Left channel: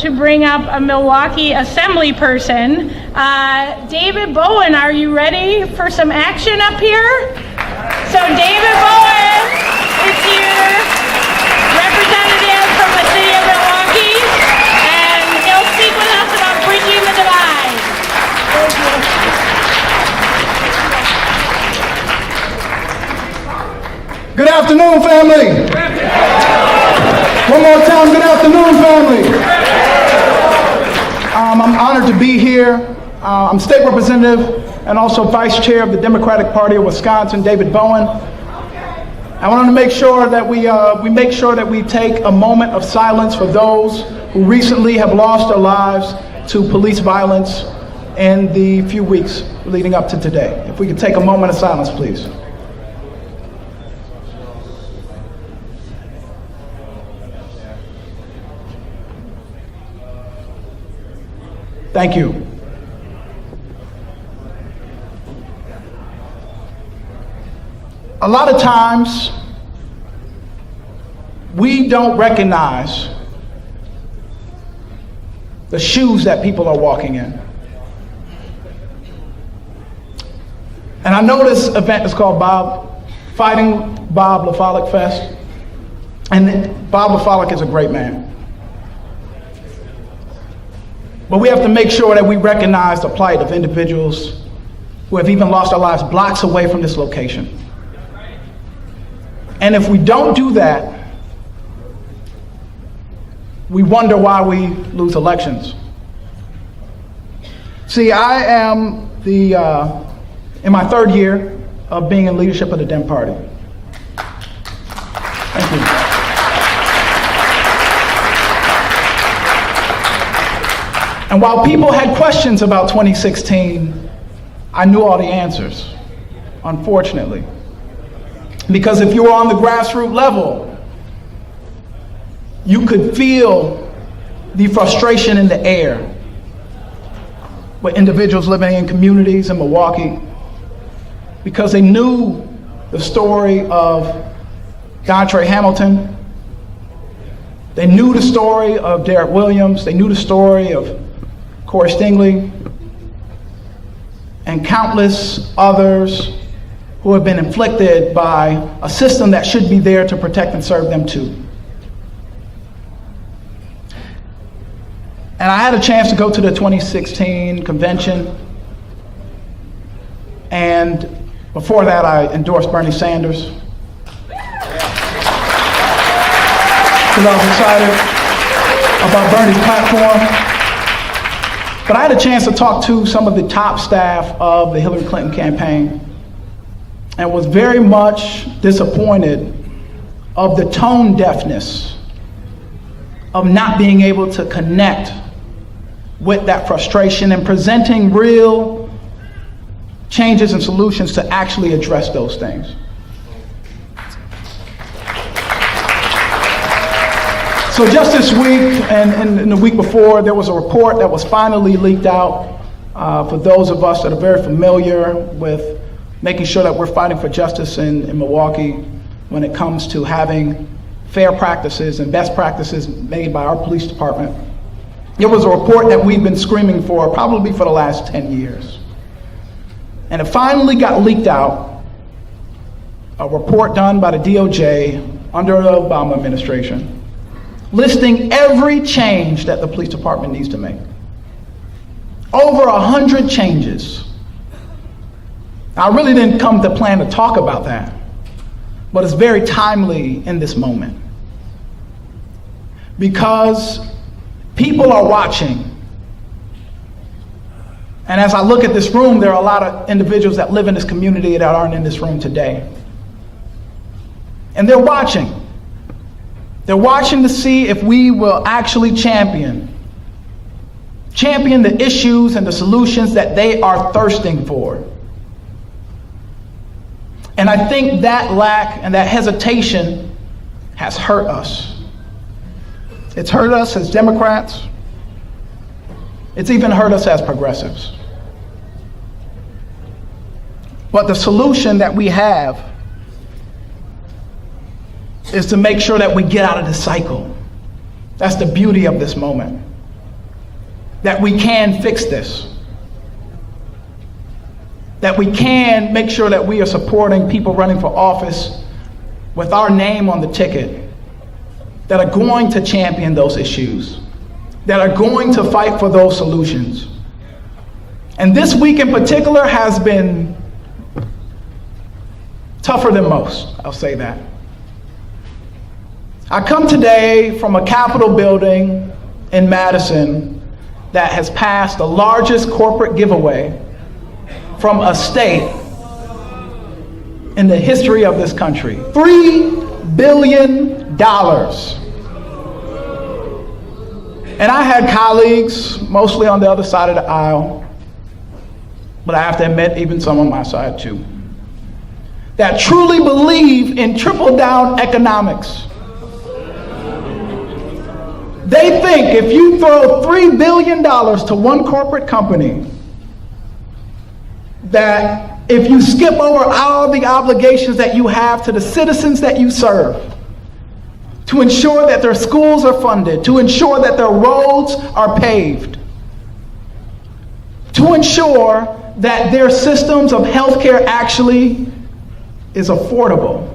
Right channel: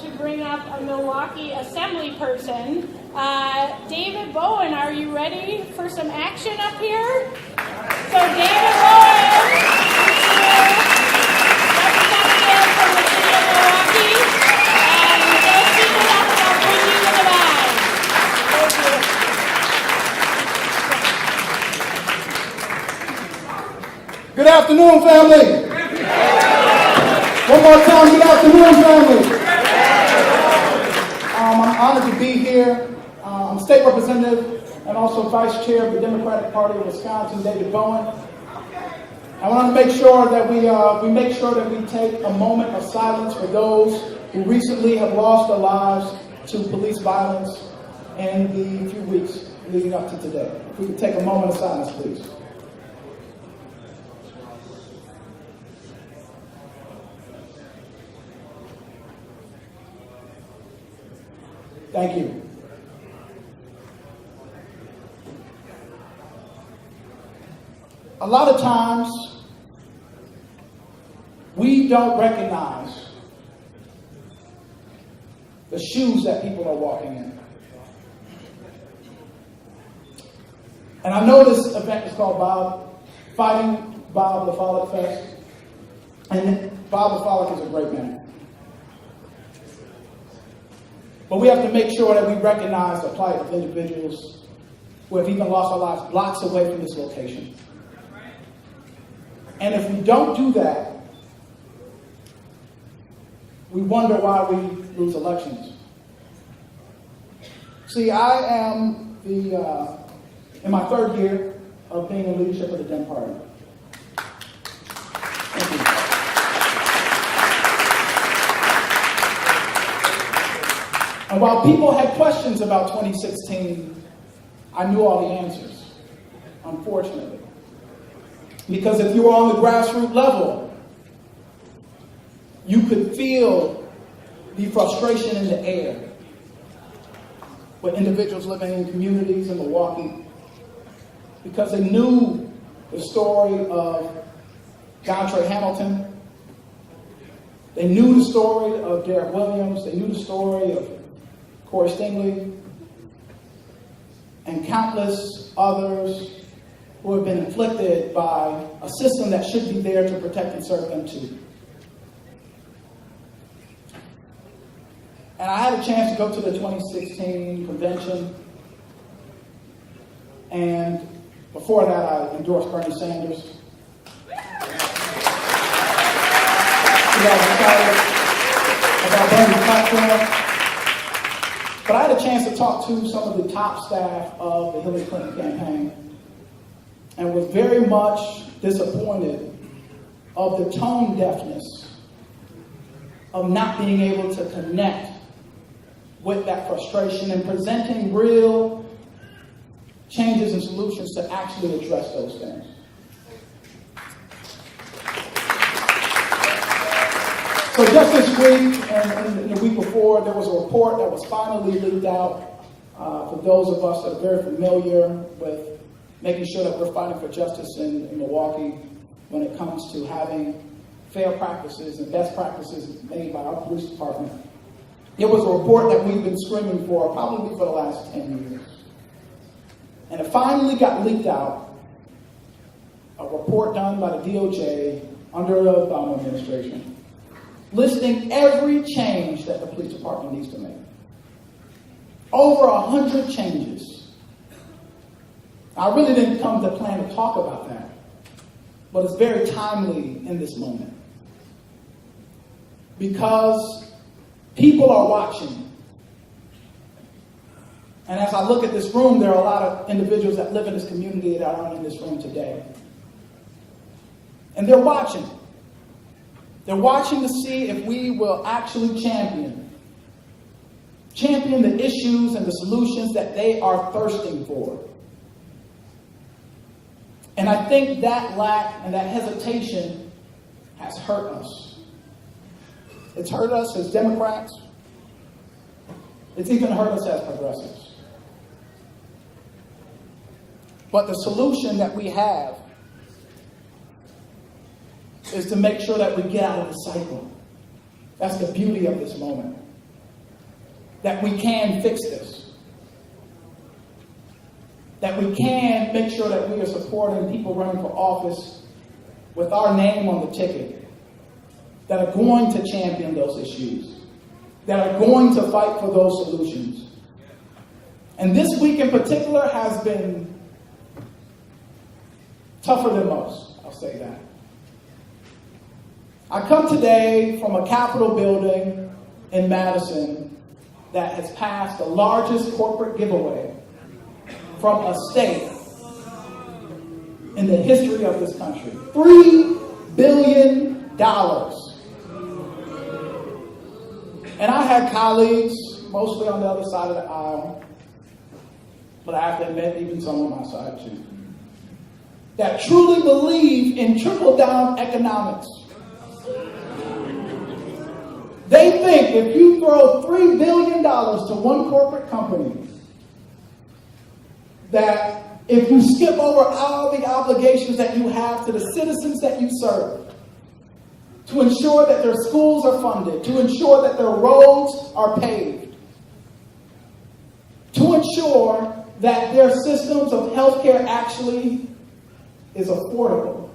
to bring up a Milwaukee Assembly person. David Bowen, are you ready for some action up here? So David Bowen is here, representative from the city of Milwaukee, and he'll speak with us about bridging the divide. Good afternoon, family. One more time, good afternoon, family. I'm honored to be here. I'm state representative and also vice chair of the Democratic Party of Wisconsin, David Bowen. I want to make sure that we take a moment of silence for those who recently have lost their lives to police violence in the few weeks leading up to today. If we could take a moment of silence, please. Thank you. A lot of times, we don't recognize the shoes that people are walking in. And I know this event is called Fighting Bob LaFolic Fest. And Bob LaFolic is a great man. But we have to make sure that we recognize the plight of individuals who have even lost their lives blocks away from this location. And if we don't do that, we wonder why we lose elections. See, I am in my third year of being in leadership of the Dem Party. Thank you. And while people had questions about 2016, I knew all the answers, unfortunately. Because if you were on the grassroots level, you could feel the frustration in the air with individuals living in communities in Milwaukee, because they knew the story of Dontre Hamilton. They knew the story of Derek Williams. They knew the story of Corey Stingley, and countless others who have been inflicted by a system that should be there to protect and serve them too. And I had a chance to go to the 2016 convention, and before that I endorsed Bernie Sanders. Because I was excited about Bernie's platform. But I had a chance to talk to some of the top staff of the Hillary Clinton campaign and was very much disappointed of the tone deafness of not being able to connect with that frustration and presenting real changes and solutions to actually address those things. So just this week and the week before, there was a report that was finally leaked out for those of us that are very familiar with making sure that we're fighting for justice in Milwaukee when it comes to having fair practices and best practices made by our police department. It was a report that we've been screaming for probably for the last 10 years. And it finally got leaked out, a report done by the DOJ under the Obama administration, listing every change that the police department needs to make. Over 100 changes. I really didn't come to plan to talk about that, but it's very timely in this moment. Because people are watching. And as I look at this room, there are a lot of individuals that live in this community that aren't in this room today. And they're watching. They're watching to see if we will actually champion the issues and the solutions that they are thirsting for. And I think that lack and that hesitation has hurt us. It's hurt us as Democrats. It's even hurt us as progressives. But the solution that we have is to make sure that we get out of this cycle. That's the beauty of this moment. that we can fix this. That we can make sure that we are supporting people running for office with our name on the ticket, that are going to champion those issues, that are going to fight for those solutions. And this week in particular has been tougher than most, I'll say that. I come today from a Capitol building in Madison that has passed the largest corporate giveaway from a state in the history of this country. $3 billion. And I had colleagues, mostly on the other side of the aisle, but I have to admit, even some on my side too, that truly believe in trickle-down economics. They think if you throw $3 billion to one corporate company, that if you skip over all the obligations that you have to the citizens that you serve, to ensure that their schools are funded, to ensure that their roads are paved, to ensure that their systems of healthcare actually is affordable.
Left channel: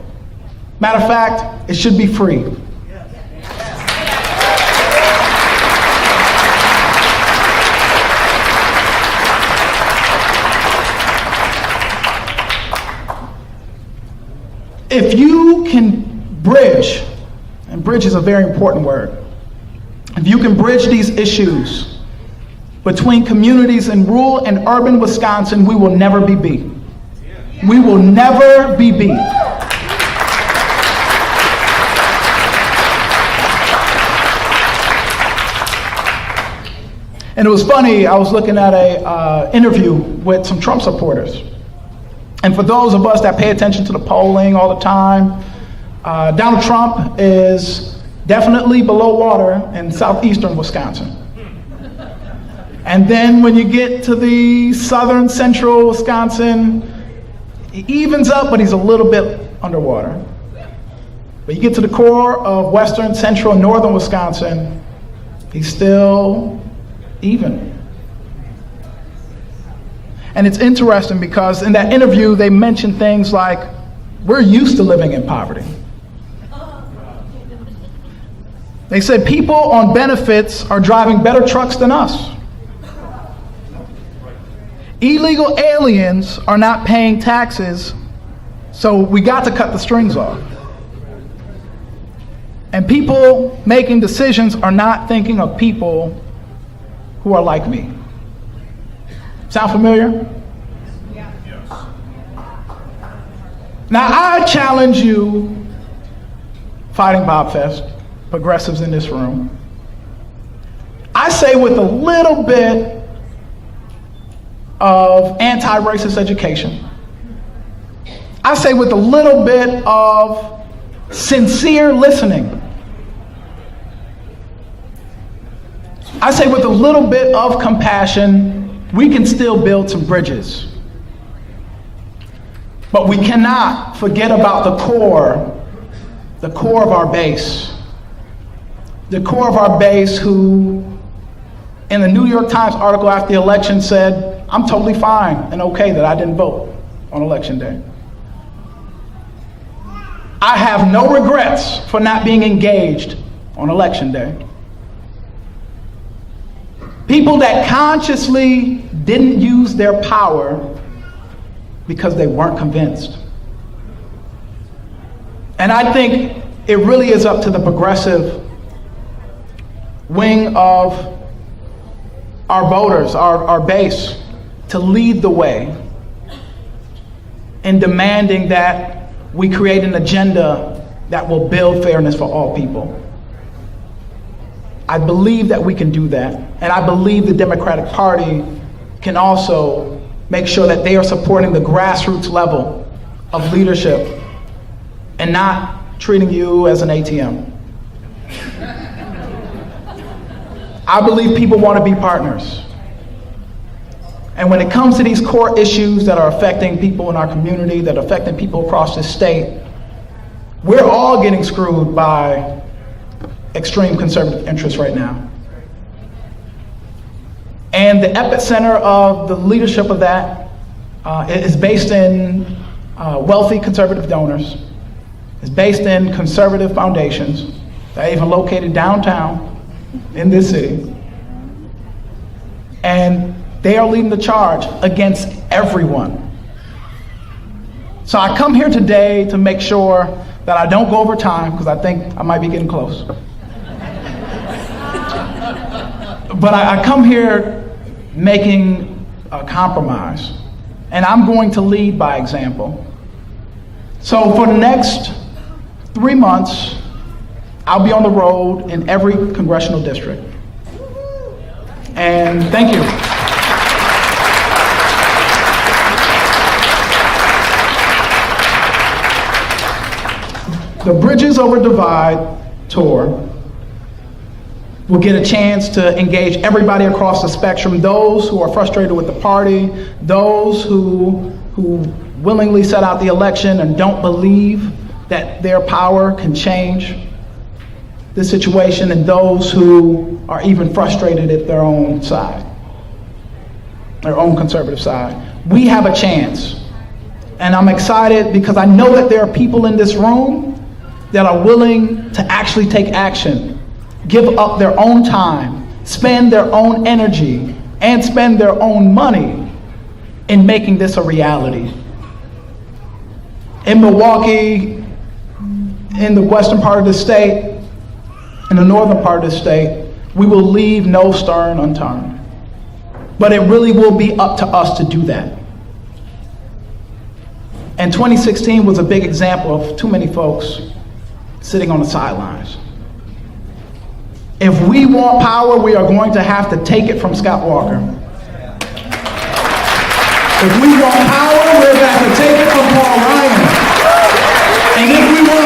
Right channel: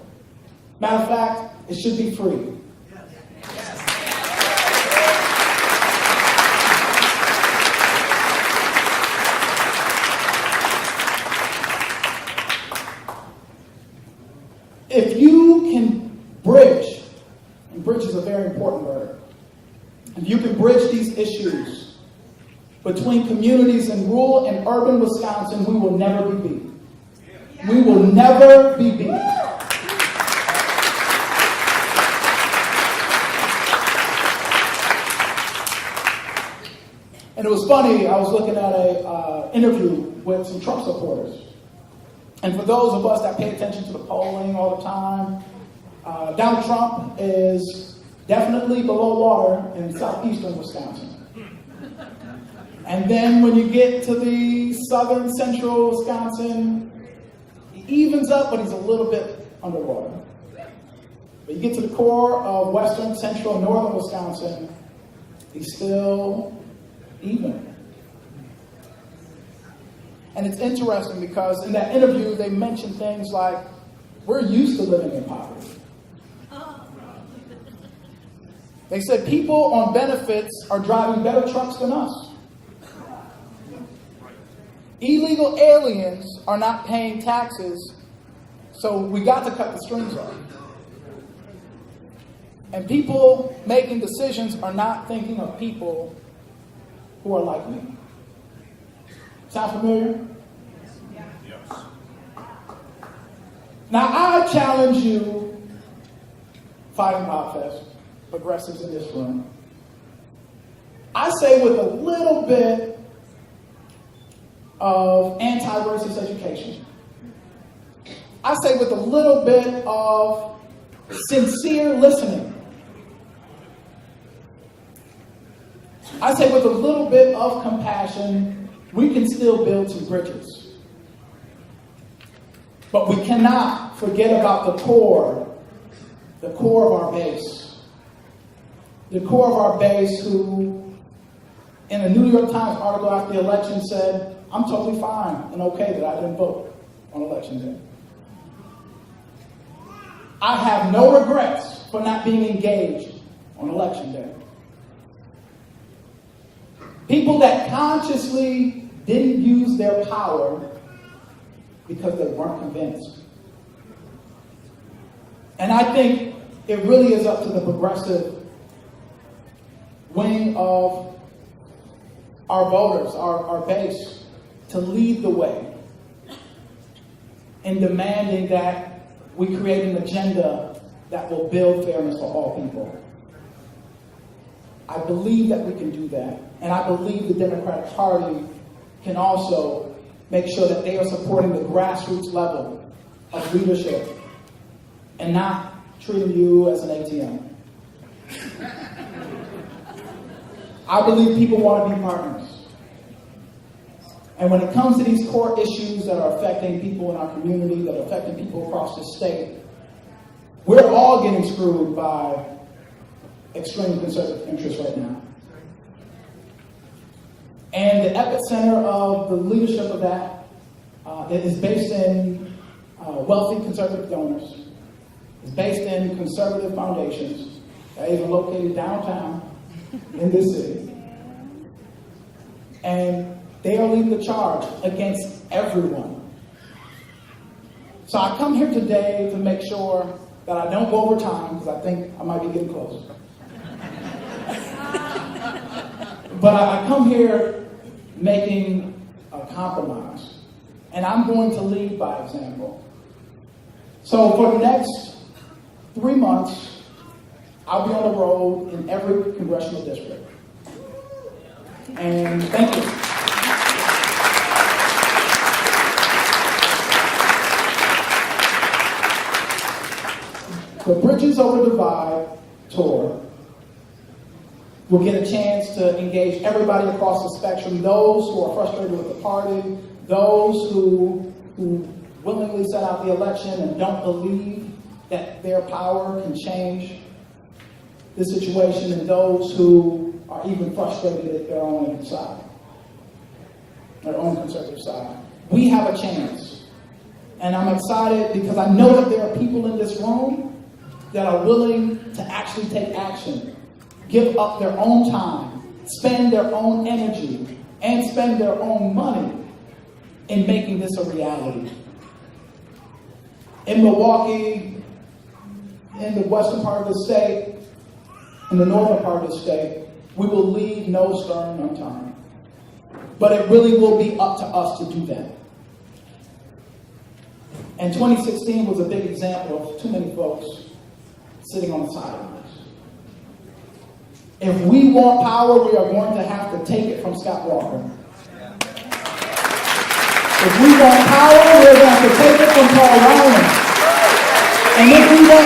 Matter of fact, it should be free. If you can bridge, and bridge is a very important word, if you can bridge these issues between communities in rural and urban Wisconsin, we will never be beat. We will never be beat. And it was funny, I was looking at an interview with some Trump supporters. And for those of us that pay attention to the polling all the time, Donald Trump is definitely below water in southeastern Wisconsin. And then when you get to the southern central Wisconsin, he evens up, but he's a little bit underwater. But you get to the core of western, central, and northern Wisconsin, he's still even. And it's interesting because in that interview, they mentioned things like, we're used to living in poverty. They said people on benefits are driving better trucks than us. Illegal aliens are not paying taxes, so we got to cut the strings off. And people making decisions are not thinking of people who are like me. Sound familiar? Yeah. Yes. Now I challenge you, Fighting Bob Fest, progressives in this room. I say with a little bit of anti-racist education. I say with a little bit of sincere listening. I say with a little bit of compassion, we can still build some bridges. But we cannot forget about the core of our base. The core of our base who, in a New York Times article after the election said, I'm totally fine and okay that I didn't vote on election day. I have no regrets for not being engaged on election day. People that consciously didn't use their power because they weren't convinced. And I think it really is up to the progressive wing of our voters, our base, to lead the way in demanding that we create an agenda that will build fairness for all people. I believe that we can do that. And I believe the Democratic Party can also make sure that they are supporting the grassroots level of leadership and not treating you as an ATM. I believe people want to be partners. And when it comes to these core issues that are affecting people in our community, that are affecting people across this state, we're all getting screwed by extreme conservative interests right now. And the epicenter of the leadership of that is based in wealthy conservative donors. It's based in conservative foundations that are even located downtown in this city. And they are leading the charge against everyone. So I come here today to make sure that I don't go over time, because I think I might be getting close. But I come here making a compromise, and I'm going to lead by example. So for the next 3 months, I'll be on the road in every congressional district. And thank you. The Bridges Over Divide tour will get a chance to engage everybody across the spectrum, those who are frustrated with the party, those who willingly set out the election and don't believe that their power can change the situation, and those who are even frustrated at their own side, their own conservative side. We have a chance, and I'm excited because I know that there are people in this room that are willing to actually take action, give up their own time, spend their own energy, and spend their own money in making this a reality. In Milwaukee, in the western part of the state, in the northern part of the state, we will leave no stone unturned. But it really will be up to us to do that. And 2016 was a big example of too many folks sitting on the sidelines. If we want power, we are going to have to take it from Scott Walker. If we want power, we're going to have to take it from Paul Ryan. And if we want